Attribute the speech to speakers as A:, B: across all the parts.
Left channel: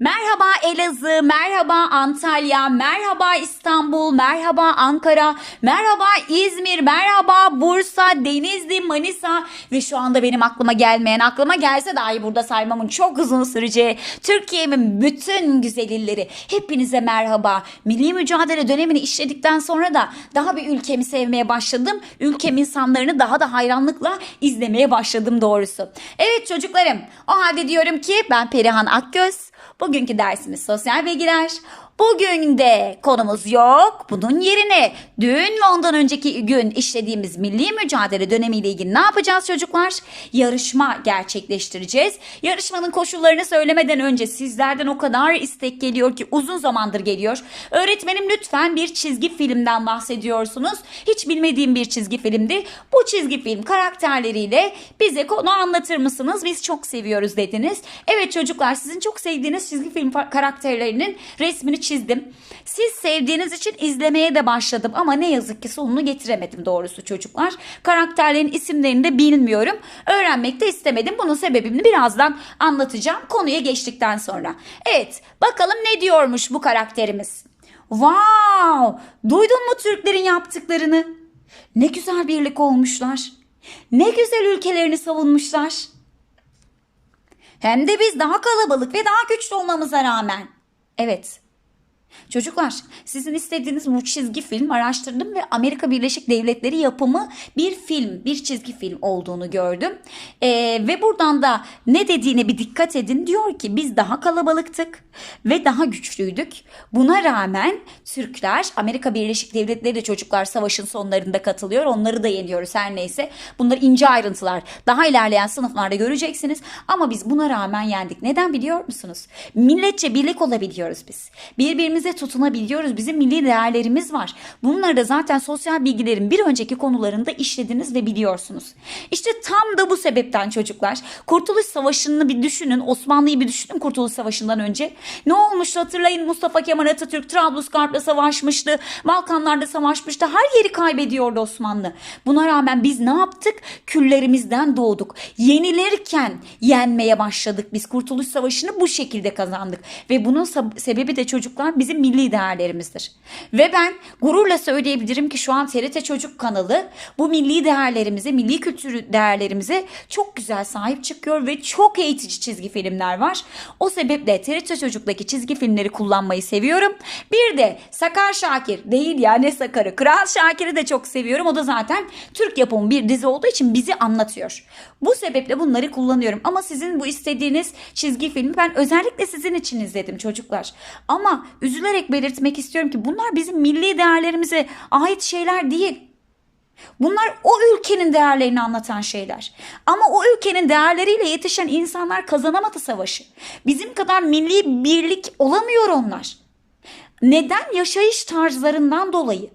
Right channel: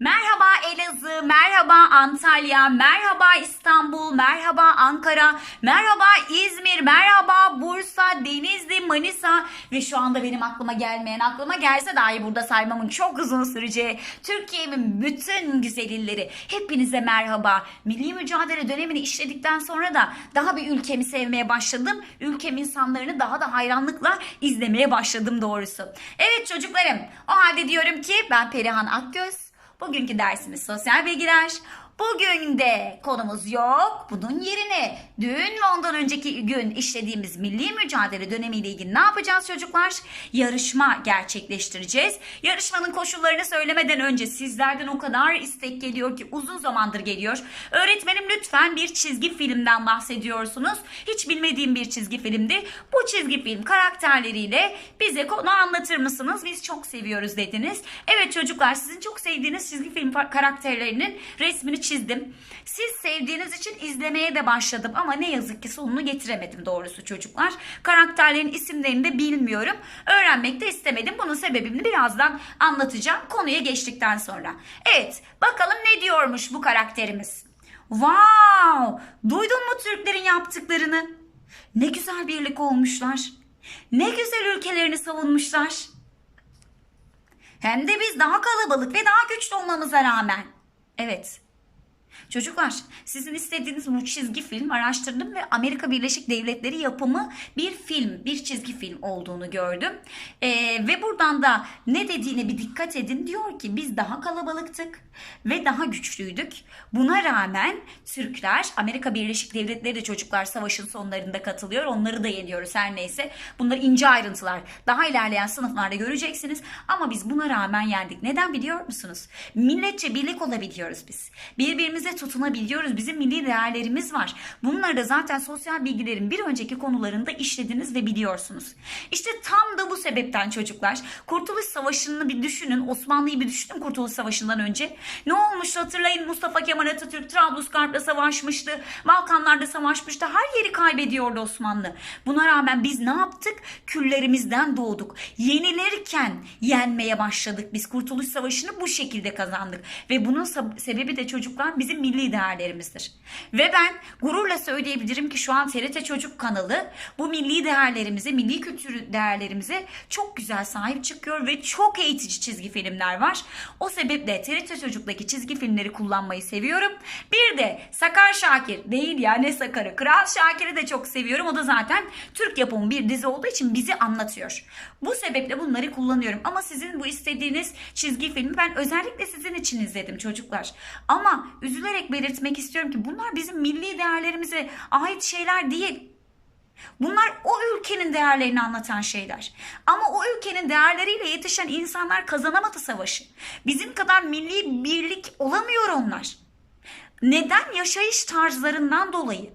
A: Merhaba Elazığ, merhaba Antalya, merhaba İstanbul, merhaba Ankara, merhaba İzmir, merhaba Bursa, Denizli, Manisa ve şu anda benim aklıma gelmeyen, aklıma gelse dahi burada saymamın çok uzun süreceği Türkiye'min bütün güzel illeri. Hepinize merhaba. Milli mücadele dönemini işledikten sonra da daha bir ülkemi sevmeye başladım. Ülkem insanlarını daha da hayranlıkla izlemeye başladım doğrusu. Evet çocuklarım, o halde diyorum ki ben Perihan Akgöz. Bugünkü dersimiz sosyal bilgiler. Bugün de konumuz yok. Bunun yerine dün ve ondan önceki gün işlediğimiz milli mücadele dönemiyle ilgili ne yapacağız çocuklar? Yarışma gerçekleştireceğiz. Yarışmanın koşullarını söylemeden önce sizlerden o kadar istek geliyor ki uzun zamandır geliyor. Öğretmenim lütfen bir çizgi filmden bahsediyorsunuz. Hiç bilmediğim bir çizgi filmdi. Bu çizgi film karakterleriyle bize konu anlatır mısınız? Biz çok seviyoruz dediniz. Evet çocuklar sizin çok sevdiğiniz çizgi film karakterlerinin resmini çizdim. Siz sevdiğiniz için izlemeye de başladım ama ne yazık ki sonunu getiremedim doğrusu çocuklar. Karakterlerin isimlerini de bilmiyorum. Öğrenmek de istemedim. Bunun sebebini birazdan anlatacağım konuya geçtikten sonra. Evet bakalım ne diyormuş bu karakterimiz. Wow! Duydun mu Türklerin yaptıklarını? Ne güzel birlik olmuşlar. Ne güzel ülkelerini savunmuşlar. Hem de biz daha kalabalık ve daha güçlü olmamıza rağmen. Evet. Çocuklar sizin istediğiniz bu çizgi film araştırdım ve Amerika Birleşik Devletleri yapımı bir film, bir çizgi film olduğunu gördüm. Ee, ve buradan da ne dediğine bir dikkat edin. Diyor ki biz daha kalabalıktık ve daha güçlüydük. Buna rağmen Türkler, Amerika Birleşik Devletleri de çocuklar savaşın sonlarında katılıyor. Onları da yeniyoruz her neyse. Bunlar ince ayrıntılar. Daha ilerleyen sınıflarda göreceksiniz. Ama biz buna rağmen yendik. Neden biliyor musunuz? Milletçe birlik olabiliyoruz biz. Birbirimize tutunabiliyoruz. Bizim milli değerlerimiz var. Bunları da zaten sosyal bilgilerin bir önceki konularında işlediniz ve biliyorsunuz. İşte tam da bu sebepten çocuklar Kurtuluş Savaşı'nı bir düşünün. Osmanlı'yı bir düşünün Kurtuluş Savaşı'ndan önce. Ne olmuştu hatırlayın Mustafa Kemal Atatürk Trablusgarp'la savaşmıştı. Balkanlarda savaşmıştı. Her yeri kaybediyordu Osmanlı. Buna rağmen biz ne yaptık? Küllerimizden doğduk. Yenilirken yenmeye başladık. Biz Kurtuluş Savaşı'nı bu şekilde kazandık. Ve bunun sebebi de çocuklar bizim milli değerlerimizdir. Ve ben gururla söyleyebilirim ki şu an TRT Çocuk kanalı bu milli değerlerimize, milli kültür değerlerimize çok güzel sahip çıkıyor ve çok eğitici çizgi filmler var. O sebeple TRT Çocuk'taki çizgi filmleri kullanmayı seviyorum. Bir de Sakar Şakir değil ya ne Sakar'ı. Kral Şakir'i de çok seviyorum. O da zaten Türk yapımı bir dizi olduğu için bizi anlatıyor. Bu sebeple bunları kullanıyorum. Ama sizin bu istediğiniz çizgi filmi ben özellikle sizin için izledim çocuklar. Ama üzülerek belirtmek istiyorum ki bunlar bizim milli değerlerimize ait şeyler değil. Bunlar o ülkenin değerlerini anlatan şeyler. Ama o ülkenin değerleriyle yetişen insanlar kazanamadı savaşı. Bizim kadar milli birlik olamıyor onlar. Neden? Yaşayış tarzlarından dolayı.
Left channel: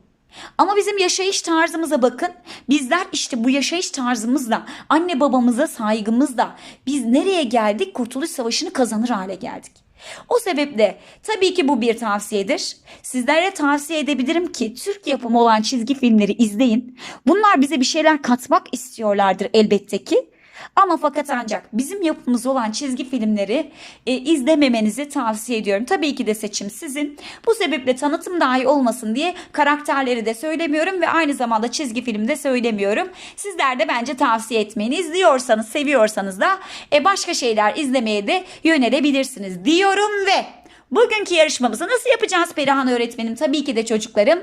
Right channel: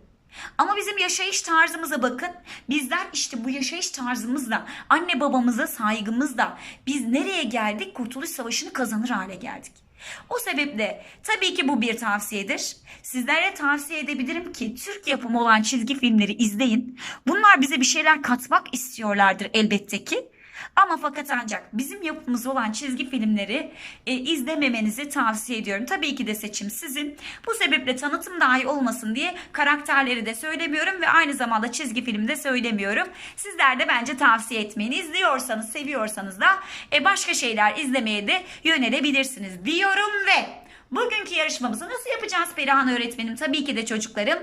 A: Ama bizim yaşayış tarzımıza bakın. Bizler işte bu yaşayış tarzımızla, anne babamıza saygımızla biz nereye geldik? Kurtuluş Savaşı'nı kazanır hale geldik. O sebeple tabii ki bu bir tavsiyedir. Sizlere tavsiye edebilirim ki Türk yapımı olan çizgi filmleri izleyin. Bunlar bize bir şeyler katmak istiyorlardır elbette ki. Ama fakat ancak bizim yapımız olan çizgi filmleri e, izlememenizi tavsiye ediyorum. Tabii ki de seçim sizin. Bu sebeple tanıtım dahi olmasın diye karakterleri de söylemiyorum ve aynı zamanda çizgi film de söylemiyorum. Sizler de bence tavsiye etmeyin. İzliyorsanız, seviyorsanız da e, başka şeyler izlemeye de yönelebilirsiniz diyorum ve bugünkü yarışmamızı nasıl yapacağız Perihan öğretmenim? Tabii ki de çocuklarım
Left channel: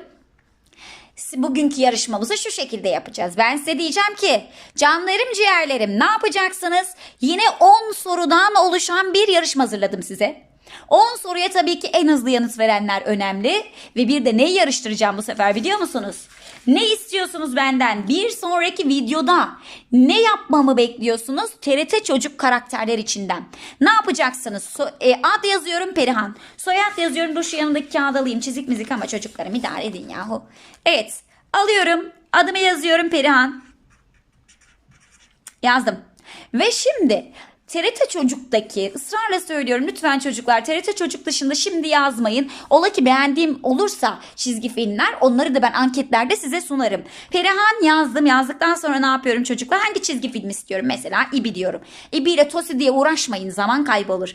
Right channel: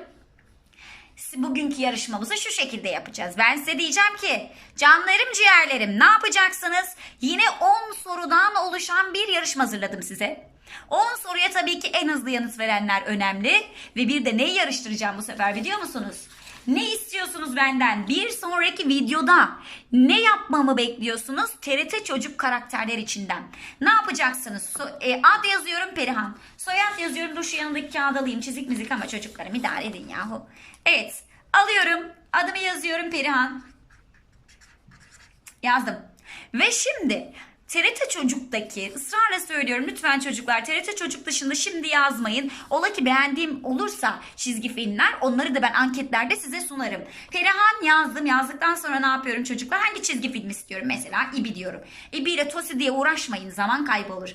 A: bugünkü yarışmamızı şu şekilde yapacağız. Ben size diyeceğim ki canlarım ciğerlerim ne yapacaksınız? Yine 10 sorudan oluşan bir yarışma hazırladım size. 10 soruya tabii ki en hızlı yanıt verenler önemli. Ve bir de neyi yarıştıracağım bu sefer biliyor musunuz? Ne istiyorsunuz benden? Bir sonraki videoda ne yapmamı bekliyorsunuz? TRT çocuk karakterler içinden. Ne yapacaksınız? So- e, ad yazıyorum Perihan. Soyad yazıyorum. Dur şu yanındaki kağıdı alayım. Çizik mizik ama çocuklarım idare edin yahu. Evet. Alıyorum. Adımı yazıyorum Perihan. Yazdım. Ve şimdi TRT Çocuk'taki ısrarla söylüyorum lütfen çocuklar TRT Çocuk dışında şimdi yazmayın. Ola ki beğendiğim olursa çizgi filmler onları da ben anketlerde size sunarım. Perihan yazdım yazdıktan sonra ne yapıyorum çocuklar? Hangi çizgi film istiyorum? Mesela İbi diyorum. İbi ile Tosi diye uğraşmayın zaman kaybolur.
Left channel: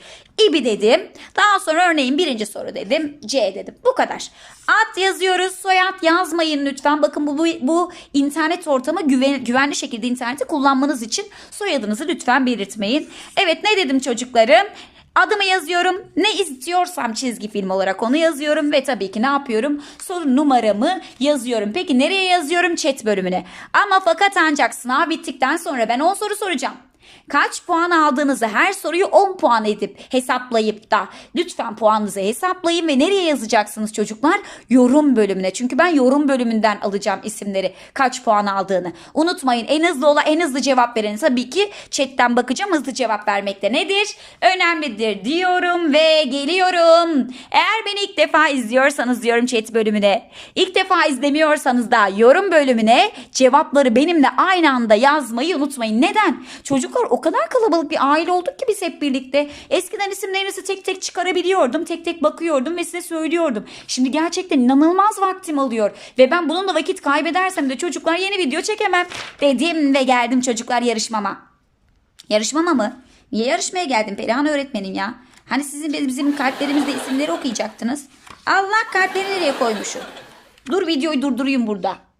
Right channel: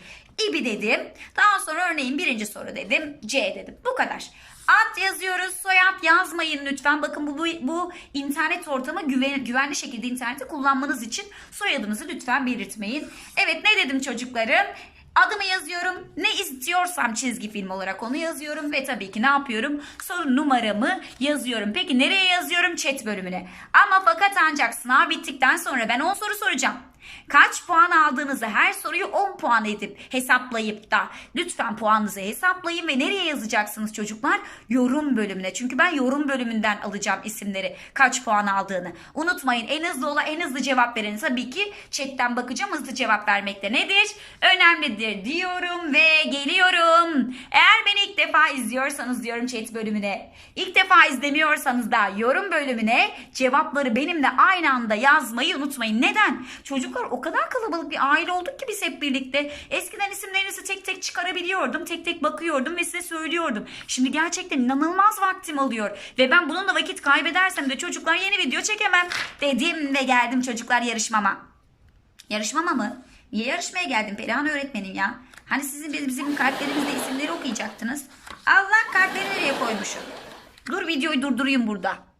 A: İbi dedim. Daha sonra örneğin birinci soru dedim. C dedim. Bu kadar. Ad yazıyoruz. Soyad yazmayın lütfen. Bakın bu, bu, bu internet ortamı güven, güvenli şekilde interneti kullanmanız için soyadınızı lütfen belirtmeyin. Evet ne dedim çocuklarım? Adımı yazıyorum. Ne istiyorsam çizgi film olarak onu yazıyorum ve tabii ki ne yapıyorum? Soru numaramı yazıyorum. Peki nereye yazıyorum? Chat bölümüne. Ama fakat ancak sınav bittikten sonra ben 10 soru soracağım. Kaç puan aldığınızı her soruyu 10 puan edip hesaplayıp da lütfen puanınızı hesaplayın ve nereye yazacaksınız çocuklar? Yorum bölümüne. Çünkü ben yorum bölümünden alacağım isimleri kaç puan aldığını. Unutmayın en hızlı ola en hızlı cevap verin. Tabii ki chatten bakacağım hızlı cevap vermekte nedir? Önemlidir diyorum ve geliyorum. Eğer beni ilk defa izliyorsanız diyorum chat bölümüne. İlk defa izlemiyorsanız da yorum bölümüne cevapları benimle aynı anda yazmayı unutmayın. Neden? Çocuklar o kadar kalabalık bir aile olduk ki biz hep birlikte. Eskiden isimlerinizi tek tek çıkarabiliyordum. Tek tek bakıyordum ve size söylüyordum. Şimdi gerçekten inanılmaz vaktim alıyor. Ve ben bununla vakit kaybedersem de çocuklar yeni video çekemem. Dedim ve geldim çocuklar yarışmama. Yarışmama mı? Niye yarışmaya geldim Perihan öğretmenim ya? Hani sizin bizim kalplerimizde isimleri okuyacaktınız. Allah kalpleri nereye koymuşum? Dur videoyu durdurayım burada.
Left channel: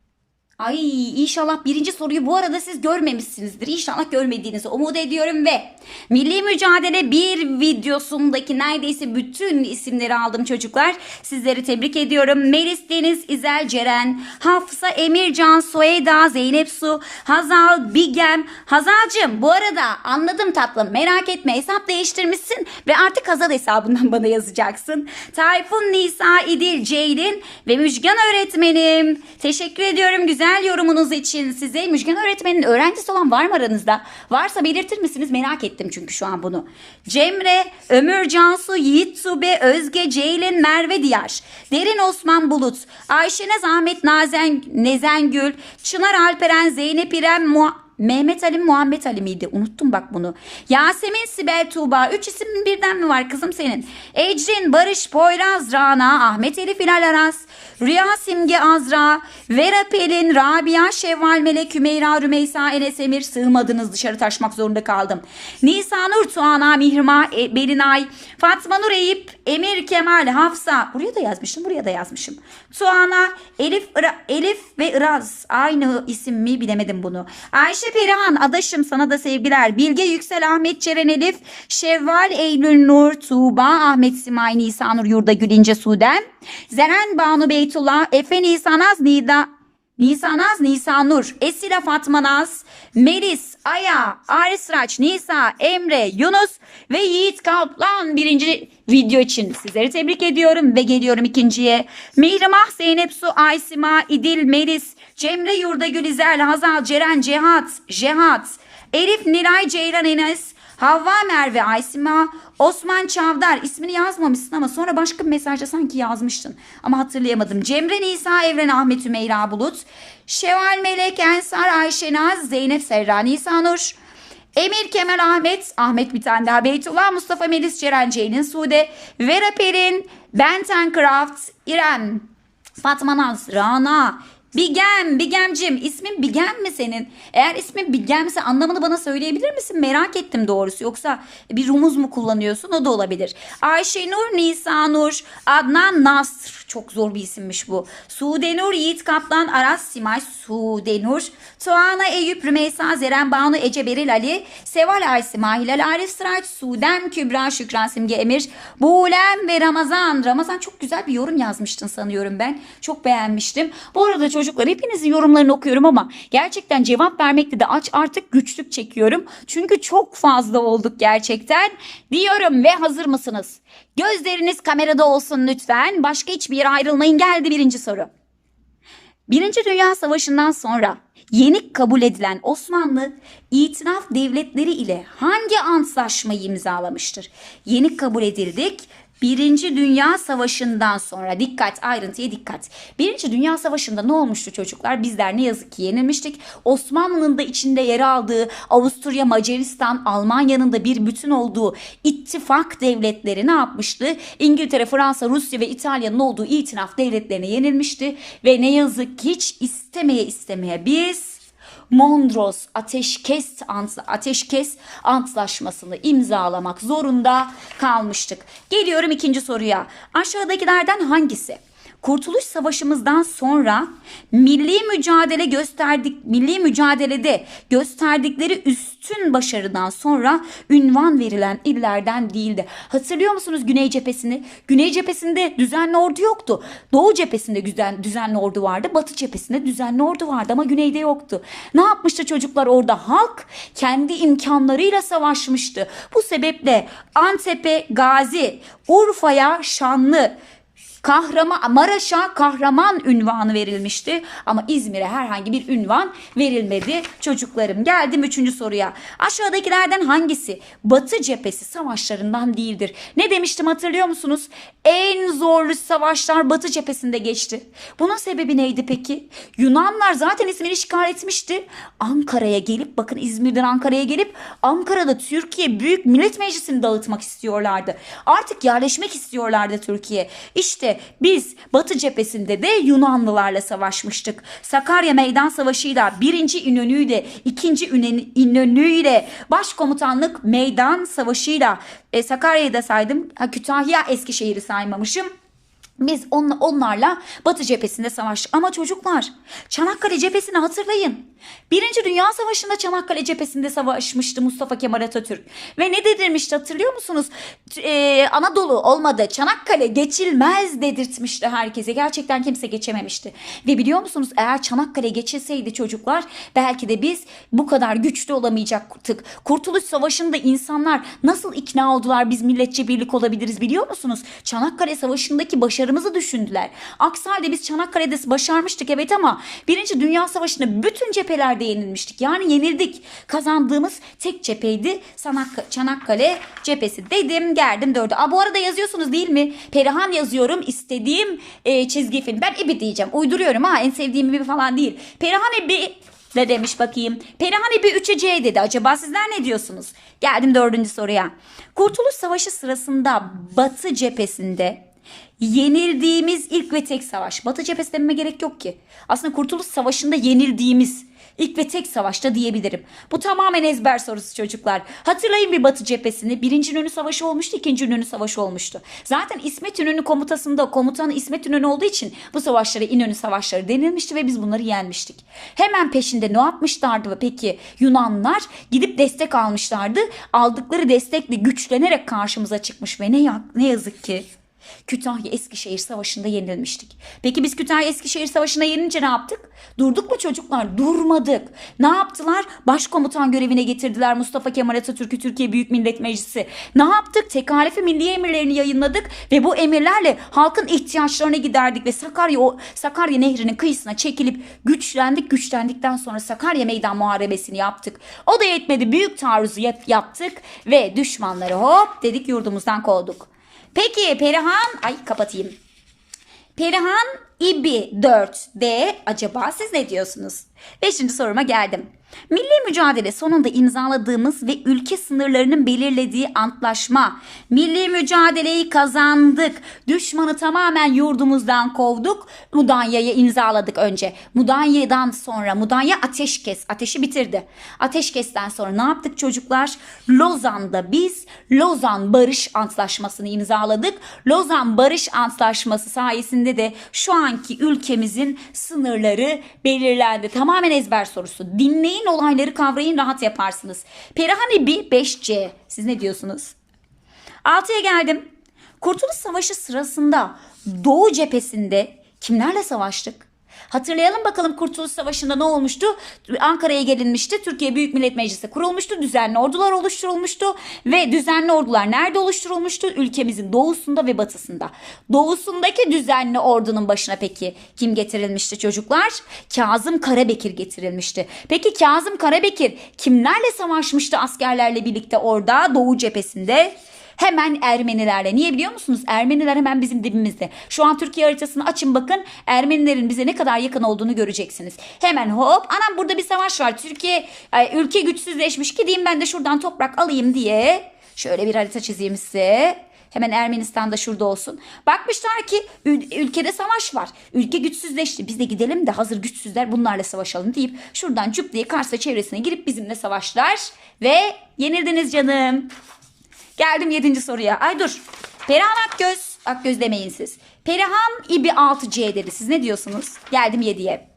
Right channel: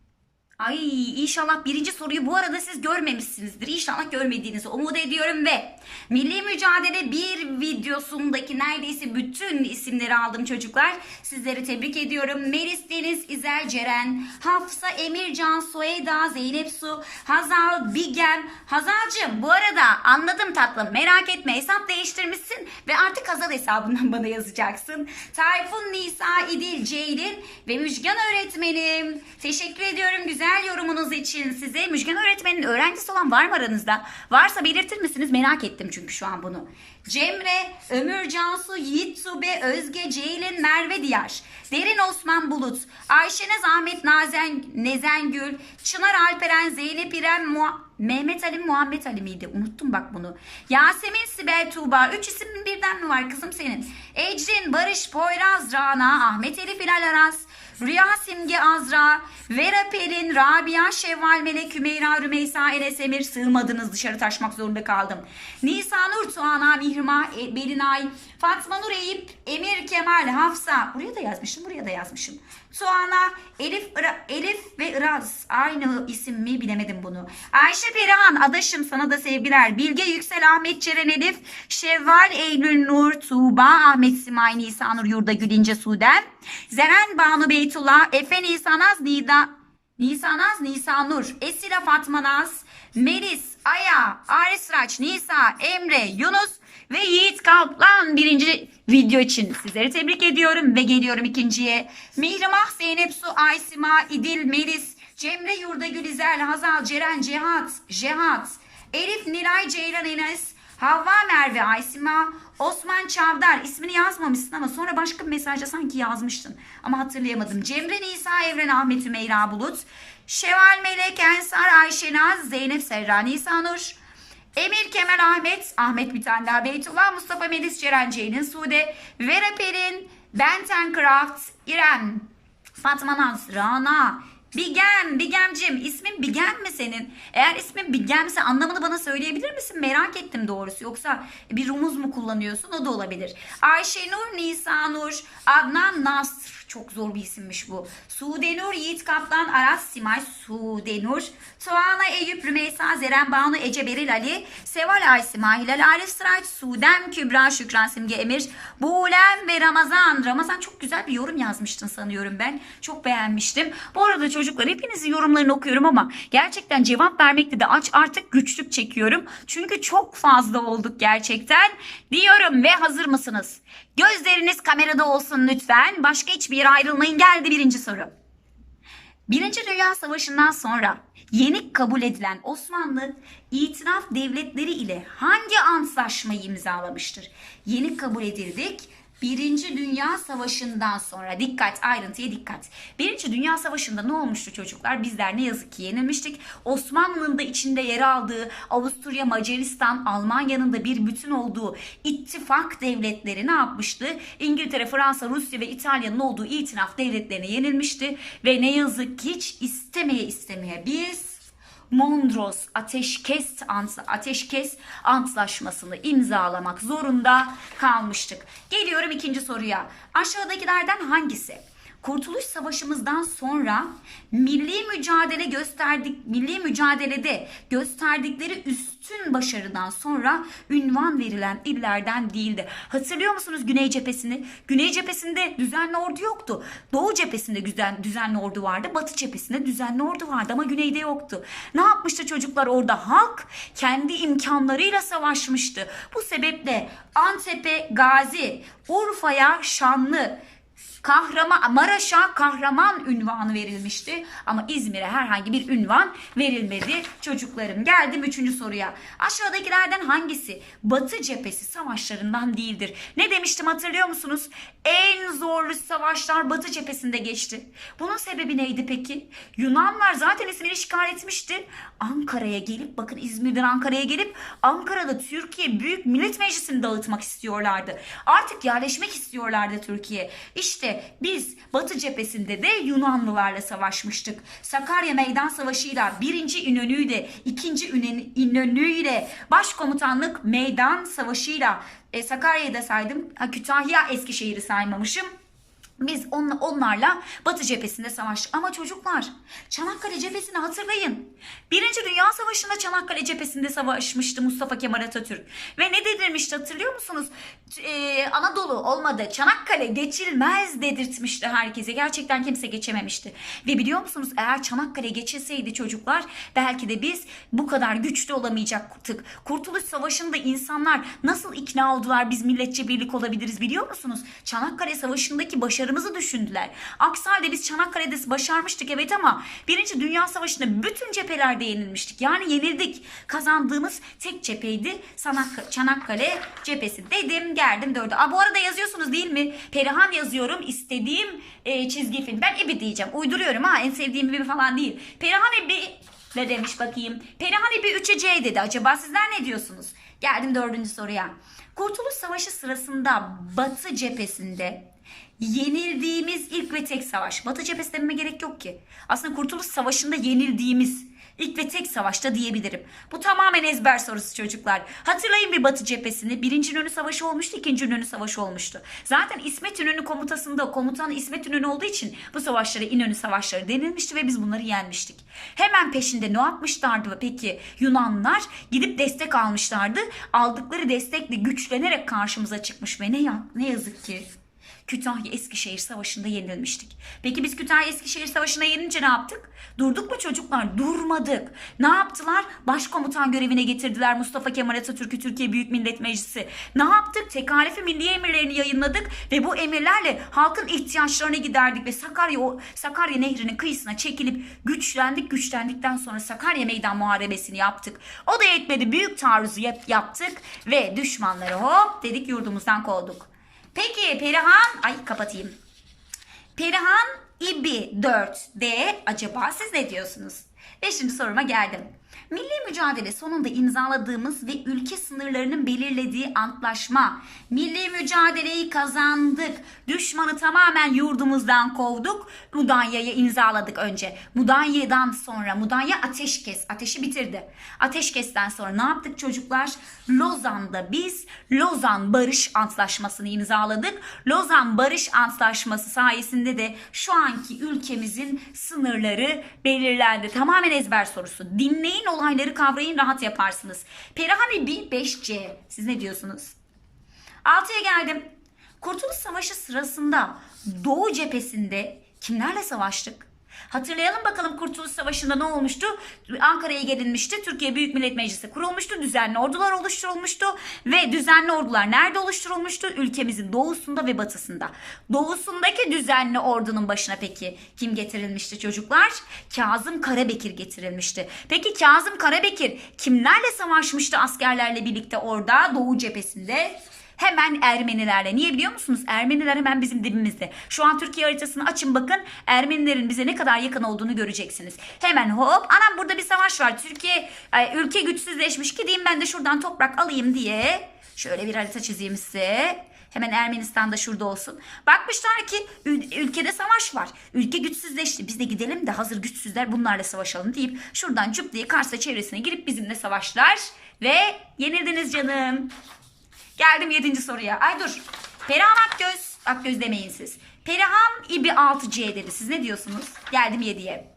A: Ay inşallah birinci soruyu bu arada siz görmemişsinizdir. İnşallah görmediğinizi umut ediyorum ve Milli Mücadele bir videosundaki neredeyse bütün isimleri aldım çocuklar. Sizleri tebrik ediyorum. Melis Deniz, İzel Ceren, Hafsa, Emircan, Soeda, Zeynep Su, Hazal, Bigem. Hazal'cığım bu arada anladım tatlım merak etme hesap değiştirmişsin ve artık Hazal hesabından bana yazacaksın. Tayfun, Nisa, İdil, Ceylin ve Müjgan öğretmenim. Teşekkür ediyorum güzel yorumunuz için size. Müjgan öğretmenin öğrencisi olan var mı aranızda? Varsa belirtir misiniz? Merak ettim çünkü şu an bunu. Cemre, Ömür Cansu, Yiğit Tube, Özge, Ceylin, Merve Diyar, Derin Osman Bulut, Ayşenaz Ahmet Nazen, Nezengül, Çınar Alperen, Zeynep İrem, Mua- Mehmet Ali Muhammed Ali miydi? Unuttum bak bunu. Yasemin Sibel Tuğba. Üç isim birden mi var kızım senin? Ecrin, Barış, Poyraz, Rana, Ahmet Elif Hilal Aras, Rüya Simge Azra, Vera Pelin, Rabia, Şevval Melek, Hümeyra, Rümeysa, Enes Emir sığmadınız dışarı taşmak zorunda kaldım. Nisanur, Tuana, Mihrimah, E- Belinay, Fatma Nur Eyüp, Emir Kemal, Hafsa. Buraya da yazmışım, buraya da yazmışım. Tuana, Elif, Ira- Elif ve Iraz. Aynı isim mi bilemedim bunu. Ayşe Perihan, adaşım sana da sevgiler. Bilge Yüksel, Ahmet Ceren Elif, Şevval, Eylül Nur, Tuğba, Ahmet Simay, Nisanur, Yurda Gül İnce Sudem, Zeren Banu Beytullah, Efe Nisanaz, Nida, Nisanaz, Nisanur, Esila Fatma Naz, Melis, Aya, Aris Raç, Nisa, Emre, Yunus ve Yiğit Kaplan birinci video için sizleri tebrik ediyorum ve geliyorum ikinciye. Mihrimah, Zeynep Su, Aysima, İdil, Melis, Cemre Yurda Gülizel, Hazal, Ceren, Cehat, Cehat, Elif, Nilay, Ceylan, Enes, Havva Merve Aysima, Osman Çavdar ismini yazmamışsın ama sonra başka bir mesajda sanki yazmıştın. Ama hatırlayamadım. Cemre Nisa Evren Ahmet Ümeyra Bulut, Şeval Melek Ensar Ayşenaz, Zeynep Serra Nisanur, Emir Kemal Ahmet, Ahmet bir tane daha Beytullah, Mustafa Melis Ceren Ceylin Sude, Vera Pelin, Benten Craft, İrem, Fatma Naz, Rana, Bigem, Bigemcim. İsmin Bigem mi senin? Eğer ismin Bigemse anlamını bana söyleyebilir misin? Merak ettim doğrusu. Yoksa bir rumuz mu kullanıyorsun? O da olabilir. Ayşenur, Nisanur, Adnan Nasr. Çok zor bir isimmiş bu. Sudenur, Yiğit Kaplan, Aras Simay, Sudenur, Tuana, Eyüp, Rümeysa, Zeren, Banu, Ece, Beril, Ali, Seval, Aysima, Hilal, Arif, Sıraç, Sudem, Kübra, Şükran, Simge, Emir, Buğlem ve Ramazan. Ramazan çok güzel bir yorum yazmıştın sanıyorum ben. Çok beğenmiştim. Bu arada çocuklar hepinizin yorumlarını okuyorum ama gerçekten cevap vermekte de aç artık güçlük çekiyorum. Çünkü çok fazla olduk gerçekten. Diyorum ve hazır mısınız? Gözleriniz kamerada olsun lütfen. Başka hiçbir yere ayrılmayın. Geldi birinci soru. Birinci Dünya Savaşı'ndan sonra yenik kabul edilen Osmanlı itiraf devletleri ile hangi antlaşmayı imzalamıştır? Yenik kabul edildik. Birinci Dünya Savaşı'ndan sonra dikkat ayrıntıya dikkat. Birinci Dünya Savaşı'nda ne olmuştu çocuklar? Bizler ne yazık ki yenilmiştik. Osmanlı'nın da içinde yer aldığı Avusturya, Macaristan, Almanya'nın da bir bütün olduğu ittifak devletleri ne yapmıştı? İngiltere, Fransa, Rusya ve İtalya'nın olduğu itilaf devletlerine yenilmişti. Ve ne yazık ki hiç istemeye istemeye biz Mondros ateşkes ateşkes antlaşmasını imzalamak zorunda kalmıştık. Geliyorum ikinci soruya. Aşağıdakilerden hangisi? Kurtuluş Savaşımızdan sonra milli mücadele gösterdik milli mücadelede gösterdikleri üstün başarıdan sonra ünvan verilen illerden değildi. Hatırlıyor musunuz Güney cephesini? Güney cephesinde düzenli ordu yoktu. Doğu cephesinde düzen, düzenli ordu vardı. Batı cephesinde düzenli ordu vardı ama güneyde yoktu. Ne yapmıştı çocuklar orada? Halk kendi imkanlarıyla savaşmıştı. Bu sebeple Antep'e Gazi, Urfa'ya Şanlı, Kahraman Maraş'a kahraman ünvanı verilmişti ama İzmir'e herhangi bir ünvan verilmedi çocuklarım. Geldim üçüncü soruya. Aşağıdakilerden hangisi Batı cephesi savaşlarından değildir? Ne demiştim hatırlıyor musunuz? En zorlu savaşlar Batı cephesinde geçti. Bunun sebebi neydi peki? Yunanlar zaten İzmir'i işgal etmişti. Ankara'ya gelip bakın İzmir'den Ankara'ya gelip Ankara'da Türkiye Büyük Millet Meclisi'ni dağıtmak istiyorlardı. Artık yerleşmek istiyorlardı Türkiye. İşte biz Batı cephesinde de Yunanlılarla savaşmıştık. Sakarya Meydan Savaşı'yla birinci İnönü'yle ikinci İnönü- İnönü'yle başkomutanlık Meydan Savaşı'yla e, Sakarya'yı da saydım. Ha, Kütahya Eskişehir'i saymamışım. Biz on- onlarla Batı cephesinde savaştık. Ama çocuklar Çanakkale cephesini hatırlayın. Birinci Dünya Savaşı'nda Çanakkale cephesinde savaşmıştı Mustafa Kemal Atatürk. Ve ne dedirmişti hatırlıyor musunuz? T- e, Anadolu olmadı. Çanakkale geçilmez dedirtmişti herkese. Gerçekten kimse geçememişti. Ve biliyor musunuz eğer Çanakkale geçilseydi çocuklar belki de biz bu kadar güçlü olamayacaktık. Kurtuluş Savaşı'nda insanlar nasıl ikna oldular biz milletçe birlik olabiliriz biliyor musunuz? Çanakkale Savaşı'ndaki başarımızı düşündüler. Aksi halde biz Çanakkale'de başarmıştık evet ama Birinci Dünya Savaşı'nda bütün cephelerde yenilmiştik. Yani yenildik. Kazandığımız tek cepheydi Çanakkale cephesi. Dedim geldim dördü. Aa, bu arada yazıyorsunuz değil mi? Perihan yazıyorum. istediğim e, çizgi film. Ben Ebi diyeceğim. Uyduruyorum ha. En sevdiğim Ebi falan değil. Perihan Ebi ne demiş bakayım. Perihan Ebi 3'e C dedi. Acaba sizler ne diyorsunuz? Geldim dördüncü soruya. Kurtuluş Savaşı sırasında Batı cephesinde yenildiğimiz ilk ve tek savaş. Batı cephesi dememe gerek yok ki. Aslında Kurtuluş Savaşı'nda yenildiğimiz ilk ve tek savaşta diyebilirim. Bu tamamen ezber sorusu çocuklar. Hatırlayın bir Batı cephesini. Birinci İnönü Savaşı olmuştu, ikinci İnönü Savaşı olmuştu. Zaten İsmet İnönü komutasında komutan İsmet İnönü olduğu için bu savaşlara İnönü Savaşları denilmişti ve biz bunları yenmiştik. Hemen peşinde ne yapmışlardı peki Yunanlar? Gidip destek almışlardı. Aldıkları destekle güçlenerek karşımıza çıkmış ve ne, ne yazık ki Kütahya Eskişehir Savaşı'nda yenilmiştik. Peki biz Kütahya Eskişehir Savaşı'nda yenince ne yaptık? Durduk mu çocuklar? Durmadık. Ne yaptılar? Başkomutan görevine getirdiler Mustafa Kemal Atatürk'ü Türkiye Büyük Millet Meclisi. Ne yaptık? Tekalifi milli emirlerini yayınladık ve bu emirlerle halkın ihtiyaçlarına giderdik ve Sakarya o Sakarya Nehri'nin kıyısına çekilip güçlendik. Güçlendikten sonra Sakarya Meydan Muharebesini yaptık. O da yetmedi. Büyük taarruzu yap- yaptık ve düşmanları hop dedik yurdumuzdan kovduk. Peki Perihan, ay kapatayım. Perihan İbi 4D acaba siz ne diyorsunuz? Beşinci soruma geldim. Milli mücadele sonunda imzaladığımız ve ülke sınırlarının belirlediği antlaşma. Milli mücadeleyi kazandık. Düşmanı tamamen yurdumuzdan kovduk. Mudanya'yı imzaladık önce. Mudanya'dan sonra Mudanya ateşkes. Ateşi bitirdi. Ateşkesten sonra ne yaptık çocuklar? Lozan'da biz Lozan Barış Antlaşması'nı imzaladık. Lozan Barış Antlaşması sayesinde de şu anki ülkemizin sınırları belirlendi. Tamamen ezber sorusu. Dinleyin olayları kavrayın rahat yaparsınız. Perihani bir 5C. Siz ne diyorsunuz? 6'ya geldim. Kurtuluş Savaşı sırasında Doğu cephesinde kimlerle savaştık? Hatırlayalım bakalım Kurtuluş Savaşı'nda ne olmuştu? Ankara'ya gelinmişti. Türkiye Büyük Millet Meclisi kurulmuştu. Düzenli ordular oluşturulmuştu. Ve düzenli ordular nerede oluşturulmuştu? Ülkemizin doğusunda ve batısında. Doğusundaki düzenli ordunun başına peki kim getirilmişti çocuklar? Kazım Karabekir getirilmişti. Peki Kazım Karabekir kimlerle savaşmıştı askerlerle birlikte orada Doğu cephesinde? Hemen Ermenilerle. Niye biliyor musunuz? Ermeniler hemen bizim dibimizde. Şu an Türkiye haritasını açın bakın. Ermenilerin bize ne kadar yakın olduğunu göreceksiniz. Hemen hop. Anam burada bir savaş var. Türkiye ülke güçsüzleşmiş. Gideyim ben de şuradan toprak alayım diye. Şöyle bir harita çizeyim size. Hemen Ermenistan da şurada olsun. Bakmışlar ki ül- ülkede savaş var. Ülke güçsüzleşti. Biz de gidelim de hazır güçsüzler bunlarla savaşalım deyip şuradan cüp diye Kars'a çevresine girip bizimle savaşlar. Ve yenildiniz canım. Geldim yedinci soruya. Ay dur. Perihan Akgöz. Akgöz demeyin siz. Perihan İbi 6C dedi. Siz ne diyorsunuz? Geldim 7'ye.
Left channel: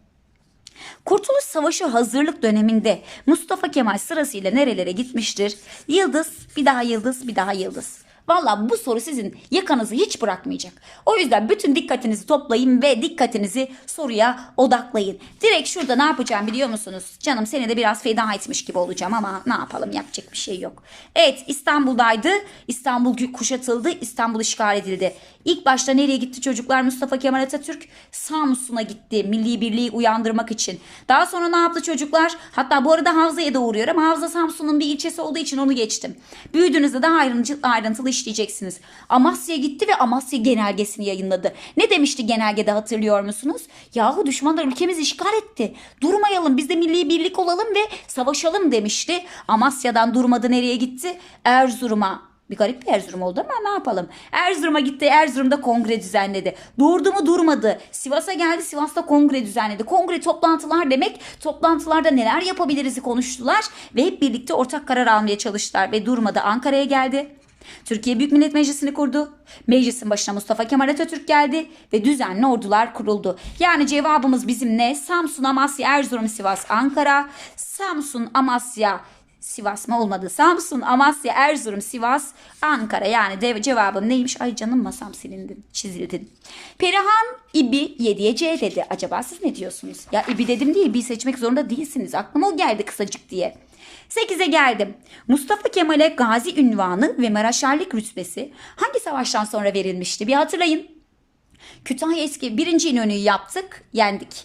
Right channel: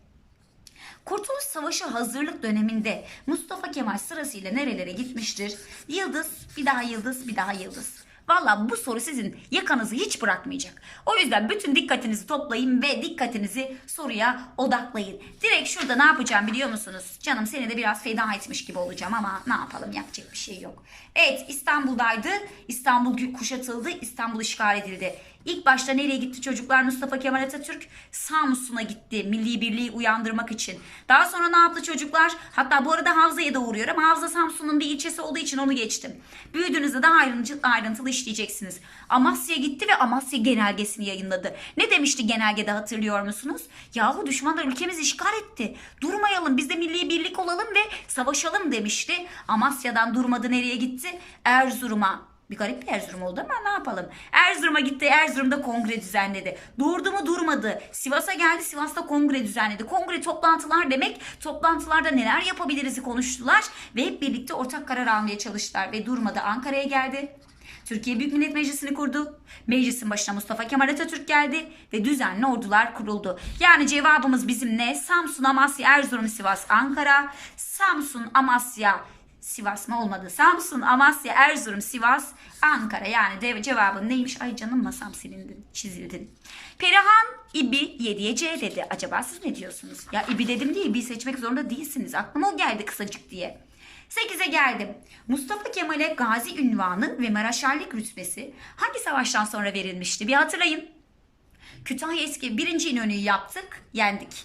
A: Kurtuluş Savaşı hazırlık döneminde Mustafa Kemal sırasıyla nerelere gitmiştir? Yıldız, bir daha yıldız, bir daha yıldız. Valla bu soru sizin yakanızı hiç bırakmayacak. O yüzden bütün dikkatinizi toplayın ve dikkatinizi soruya odaklayın. Direkt şurada ne yapacağım biliyor musunuz? Canım seni de biraz feda etmiş gibi olacağım ama ne yapalım yapacak bir şey yok. Evet İstanbul'daydı. İstanbul kuşatıldı. İstanbul işgal edildi. İlk başta nereye gitti çocuklar? Mustafa Kemal Atatürk Samsun'a gitti. Milli birliği uyandırmak için. Daha sonra ne yaptı çocuklar? Hatta bu arada Havza'ya da uğruyor ama Havza Samsun'un bir ilçesi olduğu için onu geçtim. Büyüdüğünüzde daha ayrıntı, ayrıntılı işleyeceksiniz. Amasya'ya gitti ve Amasya genelgesini yayınladı. Ne demişti genelgede hatırlıyor musunuz? Yahu düşmanlar ülkemizi işgal etti. Durmayalım biz de milli birlik olalım ve savaşalım demişti. Amasya'dan durmadı nereye gitti? Erzurum'a. Bir garip bir Erzurum oldu ama ne yapalım. Erzurum'a gitti. Erzurum'da kongre düzenledi. Durdu mu durmadı. Sivas'a geldi. Sivas'ta kongre düzenledi. Kongre toplantılar demek. Toplantılarda neler yapabiliriz'i konuştular. Ve hep birlikte ortak karar almaya çalıştılar. Ve durmadı. Ankara'ya geldi. Türkiye Büyük Millet Meclisi'ni kurdu. Meclisin başına Mustafa Kemal Atatürk geldi ve düzenli ordular kuruldu. Yani cevabımız bizim ne? Samsun, Amasya, Erzurum, Sivas, Ankara. Samsun, Amasya, Sivas mı olmadı? Samsun, Amasya, Erzurum, Sivas, Ankara. Yani de cevabım neymiş? Ay canım masam silindin, çizildin. Perihan İbi 7'ye C dedi. Acaba siz ne diyorsunuz? Ya İbi dedim değil, İbi seçmek zorunda değilsiniz. Aklıma o geldi kısacık diye. 8'e geldim. Mustafa Kemal'e gazi ünvanı ve maraşerlik rütbesi hangi savaştan sonra verilmişti? Bir hatırlayın. Kütahya eski birinci İnönü'yü yaptık, yendik.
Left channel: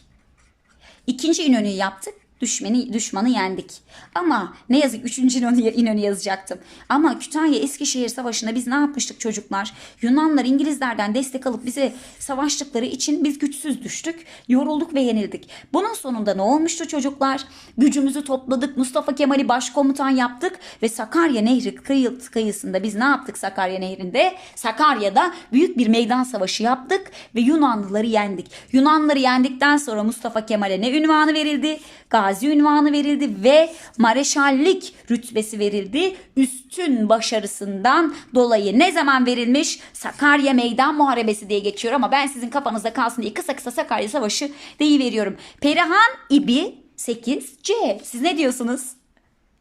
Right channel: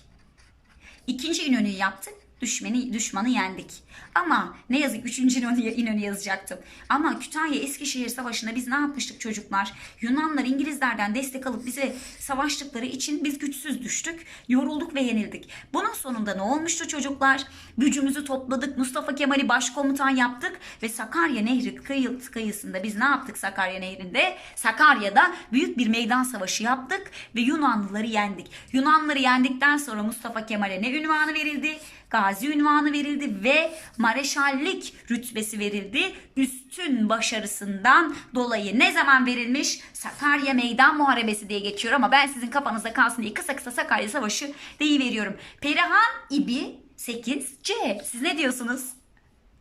A: İkinci İnönü'yü yaptık, düşmanı, düşmanı yendik. Ama ne yazık üçüncü İnönü, İnönü yazacaktım. Ama Kütahya Eskişehir Savaşı'nda biz ne yapmıştık çocuklar? Yunanlar İngilizlerden destek alıp bize savaştıkları için biz güçsüz düştük. Yorulduk ve yenildik. Bunun sonunda ne olmuştu çocuklar? Gücümüzü topladık. Mustafa Kemal'i başkomutan yaptık ve Sakarya Nehri kıyı, kıyısında biz ne yaptık Sakarya Nehri'nde? Sakarya'da büyük bir meydan savaşı yaptık ve Yunanlıları yendik. Yunanlıları yendikten sonra Mustafa Kemal'e ne ünvanı verildi? Gazi ünvanı verildi ve mareşallik rütbesi verildi. Üstün başarısından dolayı ne zaman verilmiş? Sakarya Meydan Muharebesi diye geçiyor ama ben sizin kafanızda kalsın diye kısa kısa Sakarya Savaşı deyiveriyorum. Perihan İbi 8C. Siz ne diyorsunuz?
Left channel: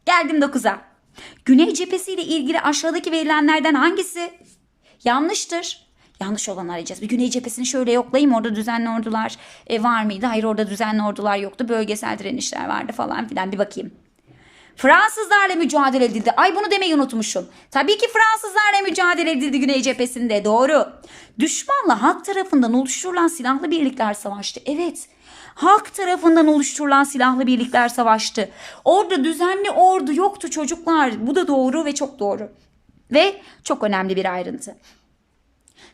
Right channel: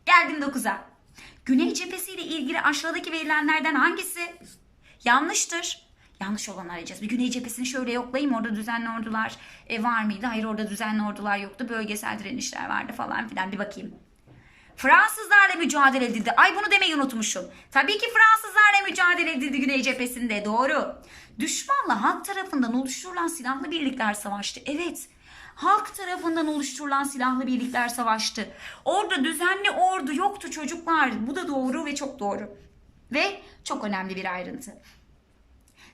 A: Geldim 9'a. Güney cephesiyle ilgili aşağıdaki verilenlerden hangisi yanlıştır? Yanlış olanı arayacağız. Bir güney cephesini şöyle yoklayayım. Orada düzenli ordular e, var mıydı? Hayır orada düzenli ordular yoktu. Bölgesel direnişler vardı falan filan. Bir bakayım. Fransızlarla mücadele edildi. Ay bunu demeyi unutmuşum. Tabii ki Fransızlarla mücadele edildi Güney cephesinde. Doğru. Düşmanla halk tarafından oluşturulan silahlı birlikler savaştı. Evet. Halk tarafından oluşturulan silahlı birlikler savaştı. Orada düzenli ordu yoktu çocuklar. Bu da doğru ve çok doğru. Ve çok önemli bir ayrıntı.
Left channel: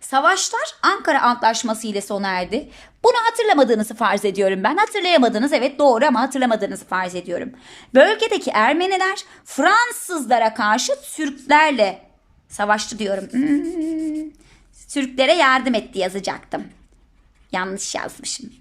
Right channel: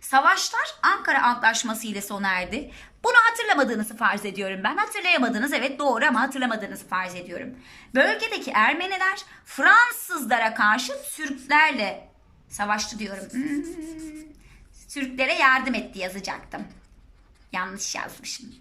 A: Savaşlar Ankara Antlaşması ile sona erdi. Bunu hatırlamadığınızı farz ediyorum ben. Hatırlayamadınız evet doğru ama hatırlamadığınızı farz ediyorum. Bölgedeki Ermeniler Fransızlara karşı Türklerle savaştı diyorum. Hmm, Türklere yardım etti yazacaktım. Yanlış yazmışım.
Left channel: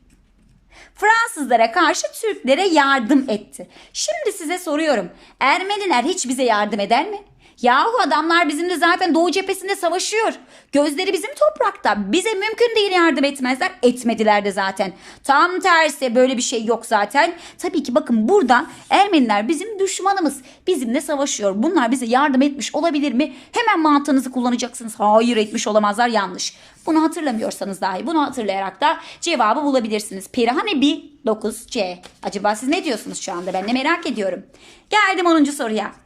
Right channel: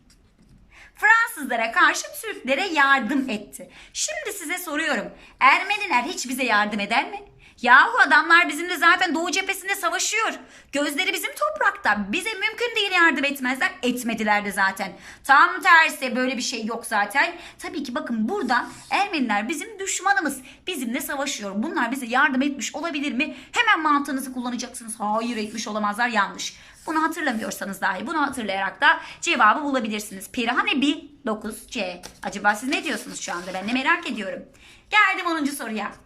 A: Fransızlara karşı Türklere yardım etti. Şimdi size soruyorum. Ermeniler hiç bize yardım eder mi? Yahu adamlar bizimle zaten Doğu cephesinde savaşıyor. Gözleri bizim toprakta. Bize mümkün değil yardım etmezler. Etmediler de zaten. Tam tersi böyle bir şey yok zaten. Tabii ki bakın burada Ermeniler bizim düşmanımız. Bizimle savaşıyor. Bunlar bize yardım etmiş olabilir mi? Hemen mantığınızı kullanacaksınız. Hayır etmiş olamazlar yanlış. Bunu hatırlamıyorsanız dahi bunu hatırlayarak da cevabı bulabilirsiniz. Perihane 1 9C. Acaba siz ne diyorsunuz şu anda? Ben de merak ediyorum. Geldim 10. soruya.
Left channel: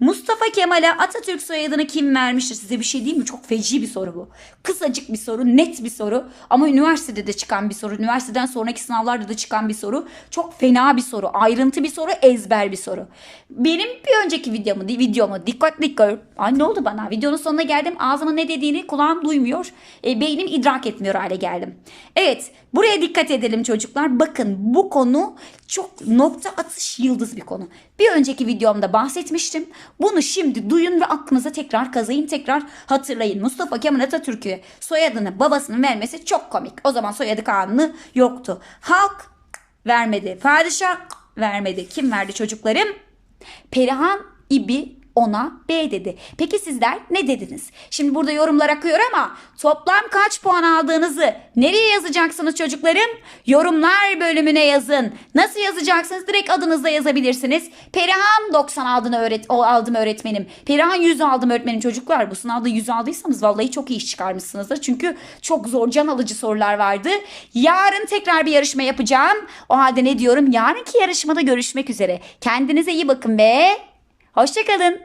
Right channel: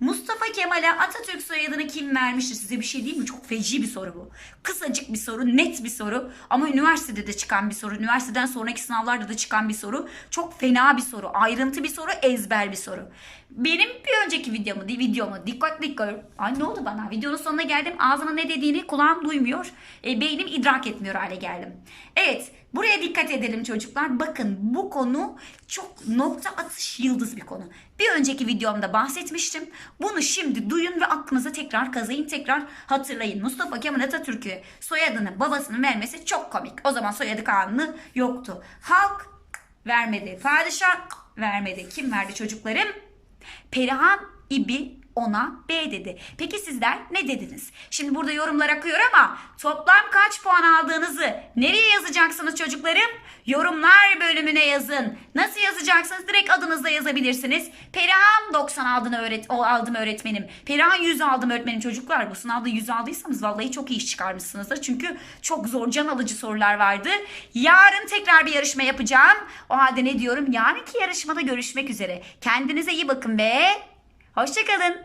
A: Mustafa Kemal'e Atatürk soyadını kim vermiştir? Size bir şey diyeyim mi? Çok feci bir soru bu. Kısacık bir soru, net bir soru. Ama üniversitede de çıkan bir soru. Üniversiteden sonraki sınavlarda da çıkan bir soru. Çok fena bir soru. Ayrıntı bir soru, ezber bir soru. Benim bir önceki videomu, videomu dikkatli gör. Ay ne oldu bana? Videonun sonuna geldim. Ağzıma ne dediğini kulağım duymuyor. E, beynim idrak etmiyor hale geldim. Evet, buraya dikkat edelim çocuklar. Bakın bu konu çok nokta atış yıldız bir konu. Bir önceki videomda bahsetmiştim. Bunu şimdi duyun ve aklınıza tekrar kazayın, tekrar hatırlayın. Mustafa Kemal Atatürk'ü soyadını babasının vermesi çok komik. O zaman soyadı kanunu yoktu. Halk vermedi. Padişah vermedi. Kim verdi çocuklarım? Perihan İbi ona B dedi. Peki sizler ne dediniz? Şimdi burada yorumlar akıyor ama toplam kaç puan aldığınızı nereye yazacaksınız çocuklarım? Yorumlar bölümüne yazın. Nasıl yazacaksınız? Direkt adınızla yazabilirsiniz. Perihan 90 aldın öğret aldım öğretmenim. Perihan 100 aldım öğretmenim çocuklar. Bu sınavda 100 aldıysanız vallahi çok iyi iş çıkarmışsınızdır. Çünkü çok zor can alıcı sorular vardı. Yarın tekrar bir yarışma yapacağım. O halde ne diyorum? Yarınki yarışmada görüşmek üzere. Kendinize iyi bakın be. Hoşçakalın.